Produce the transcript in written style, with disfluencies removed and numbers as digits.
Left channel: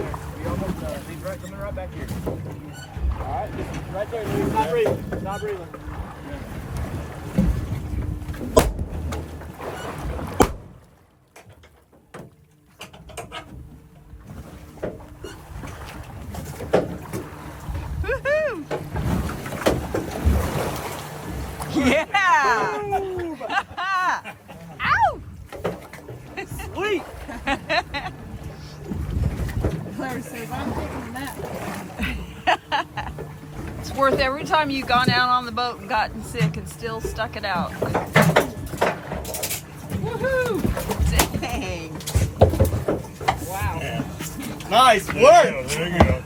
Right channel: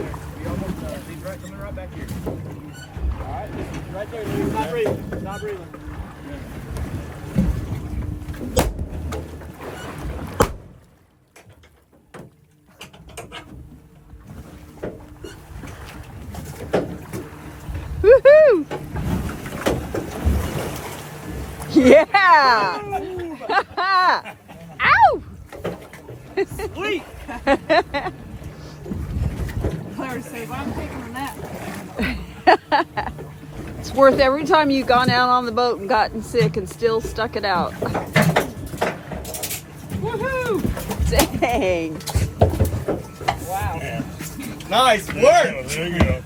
You almost, he's right, coming right back here. All right, right there, dude. Stop breathing. Stop breathing. Woohoo! Yeah! Ow! Sweet! Claire says, I'm taking a nap. It's worth every time you've gone out on the boat and gotten sick and still stuck it out. Woohoo! Dang! Wow. Nice work! There you go.